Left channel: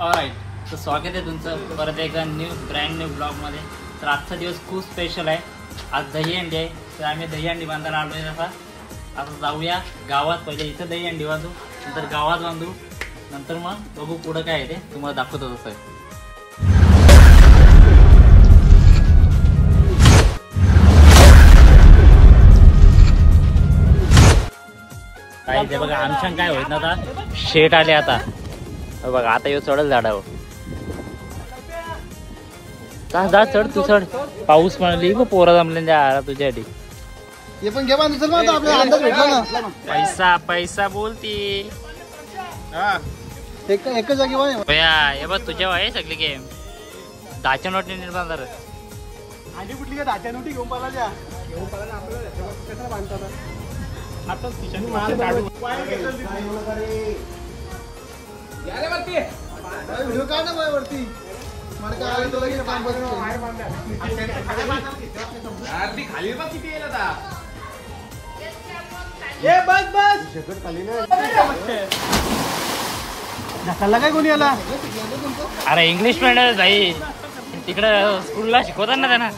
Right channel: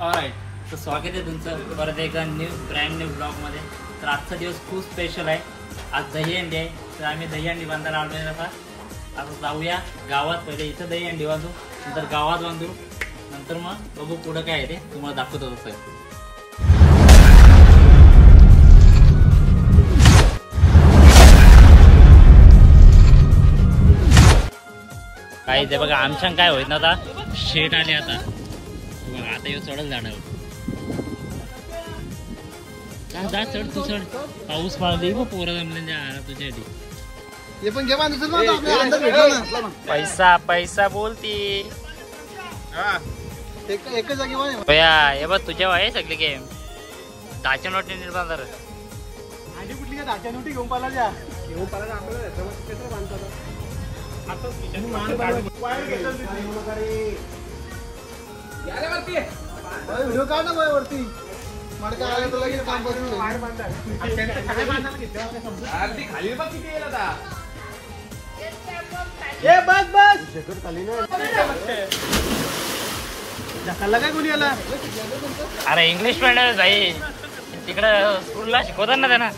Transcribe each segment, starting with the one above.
ऑलराईट, तर स्वागत आहे तुमचं परत एका ब्रँड न्यू ब्लॉगमध्ये. तर आजचा दिवस खूप स्पेशल आहे. आज दहीहंडी आहे, तर आम्ही दहीहंडी बांधायला आलो आहे. आता जाऊया गावात. पहिले इथं दहीहंडी बांधू, नंतर गावात बांधू, नंतर मग बघू पुढं काय आहे ते तुम्हाला दाखवतो. तसं काय ते बघा, आमच्या काय होईत ना, आता शेट आले. आता बघा, आता येऊ चढल झाडावर. का जा, चढ तू, चढ. पाऊस म्हणली मग पोरा जमले आला तुझ्यासाठी. पैसा पैसा बोलती हे बघ, तुझ्या आहे सगळी गेम. दाच्या नोटी निर्माण कुठली का दाच्या नोटी घेऊन पाला व्हिडिओ काढ ना वरती. खाली बघ किती येईल आता. बस बस खाली ना ढकलला काय कोणी याला. अरे इंग्लिश मीडियम जाईल तिकडं, स्कूलला शिकवतात ना त्यांना.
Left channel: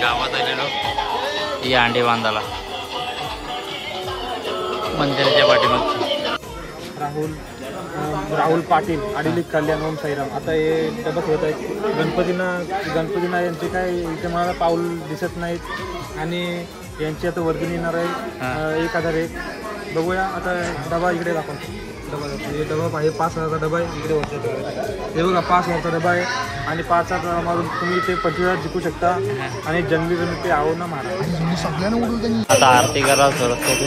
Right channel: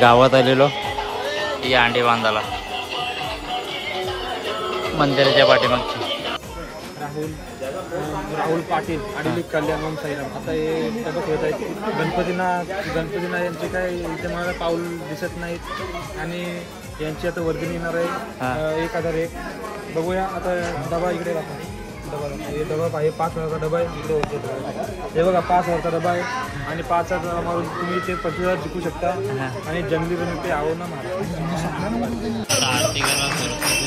गावात आलेलो ही अंडी बांधायला मंदिराच्या पाठीमागची. राहुल पाटील आणि कल्याण ओम साईराम. आता हे सबक होत आहेत. गणपतींना यांचे काय इथे मला पाऊल दिसत नाहीत आणि यांची आता वर्गणी येणार आहे 1001. बघूया आता. डबा इकडे दाखवा. डबा हे डबा आहे 5000चा डबा आहे. इकडे वरती हे बघा 5000चा डबा आहे आणि 5000 मारून तुम्ही ते 25,000 जिंकू शकता. आणि जंगली रमी ते आहो ना मारा. आता आरती करा सरस्वती.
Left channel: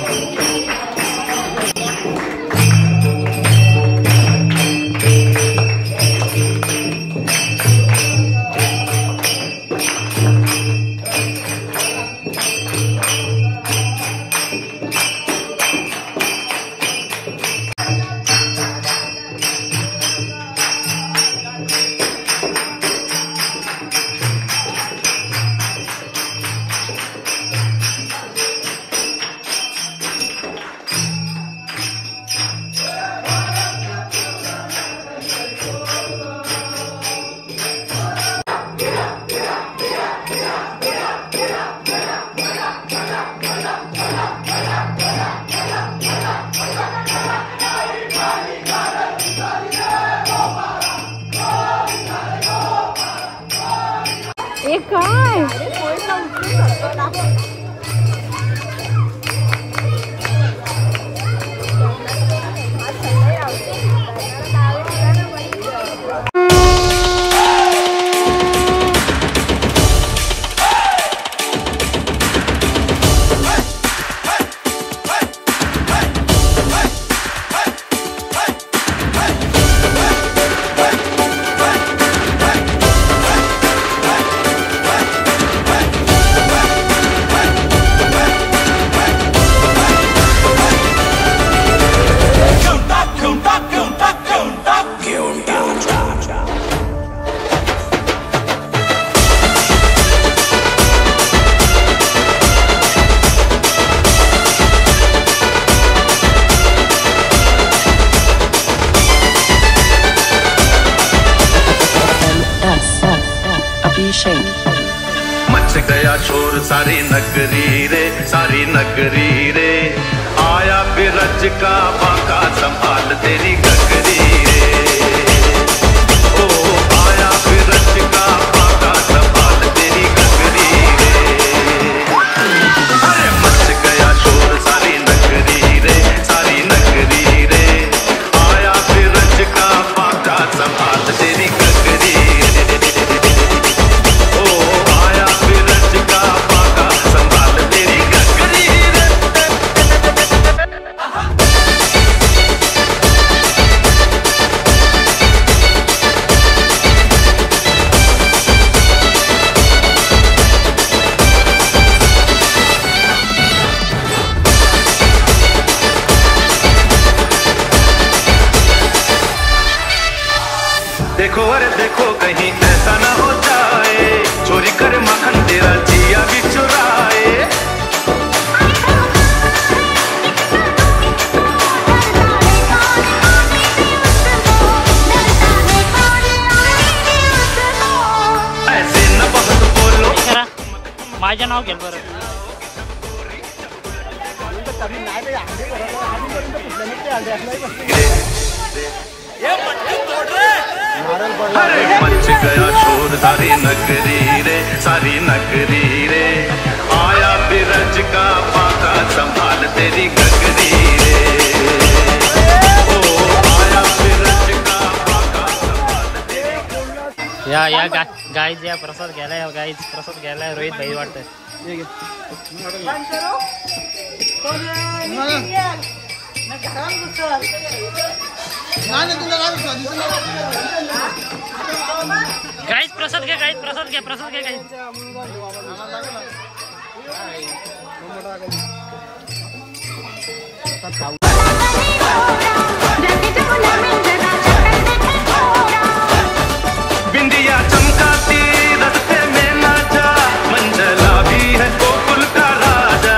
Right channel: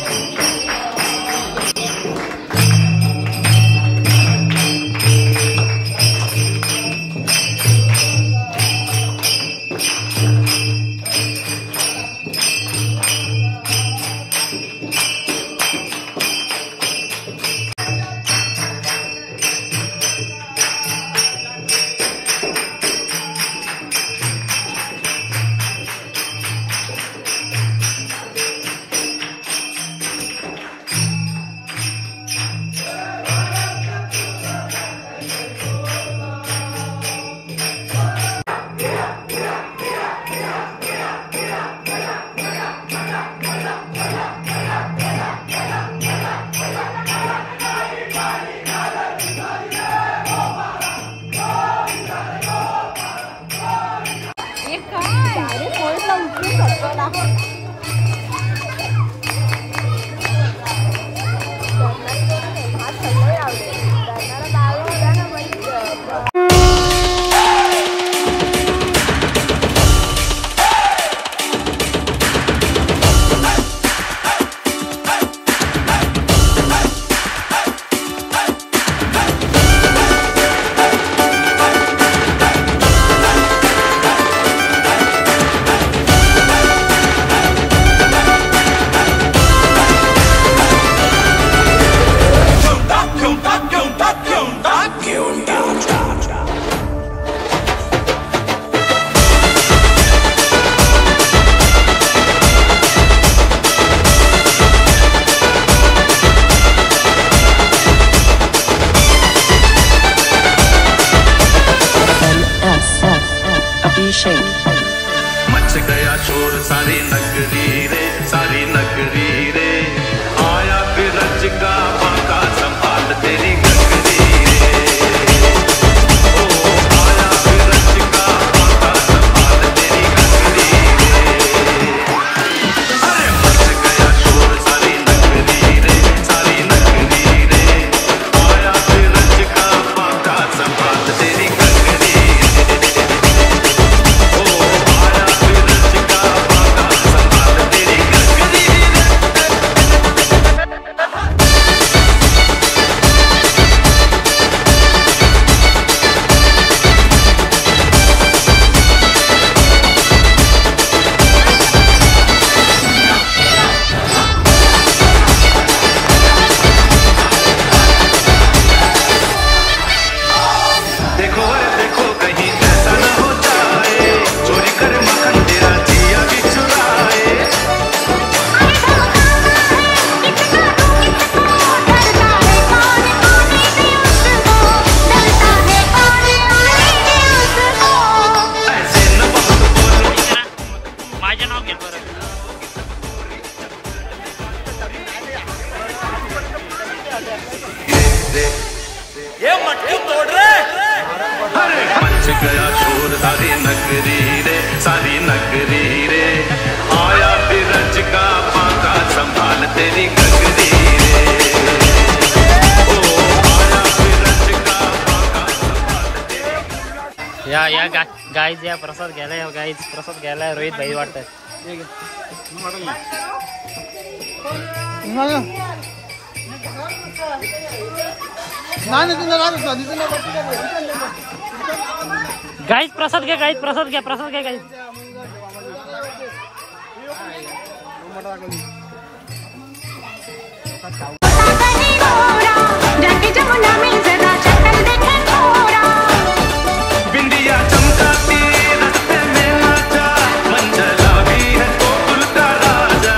मच गया शोर सारी नगरी रे, सारी नगरी रे. आया बिरज का बाका संभाल तेरी गगरी रे. ओ आया बिरज का बाका संभाल तेरी गगरी रे. मच गया शोर सारी नगरी रे, सारी नगरी रे. आया बिरज का बाका संभाल तेरी गगरी रे. शोर सारी नगरी रे, सारी नगरी रे। आया बिरज का पाका संभाल तेरी गगरी रे। ओ आया बिरज का पाका संभाल तेरी गगरी। या गाईज या प्रसाद घ्यायला, गाईज प्रसाद घ्यायला रोहित भाई वाटतं. गाईज प्रसाद घ्या, गाईज प्रसाद घ्या, प्रसाद घ्या गाईज. बिंदिया चमकाती रस्ते में लाजा, मंजला भी है गोकुल का राजा।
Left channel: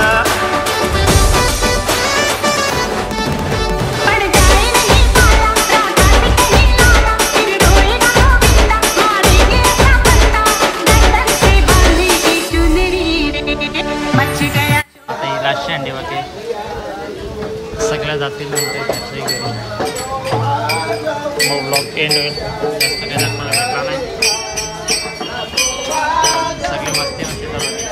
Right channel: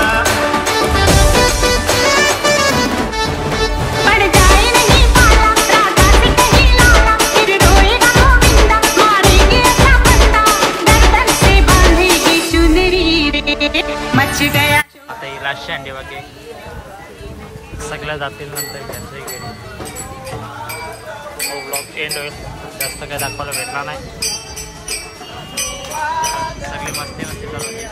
पड़ जाए नहीं पाला, राजा से कहीं लाला, फिर रोएगा गोविंदा, मारेंगे ऐसा बंदा, गर्दन से बांधेगी चुनरी रे, मच गया. आता ही लास्टची अंडी बाकी सगळ्या जातील नंतर घरच्याही घरी. मग ब्लॉग एंड होईल. जास्त काही दाखवायला भेटला नाही. सगळी मस्ती चालू होती.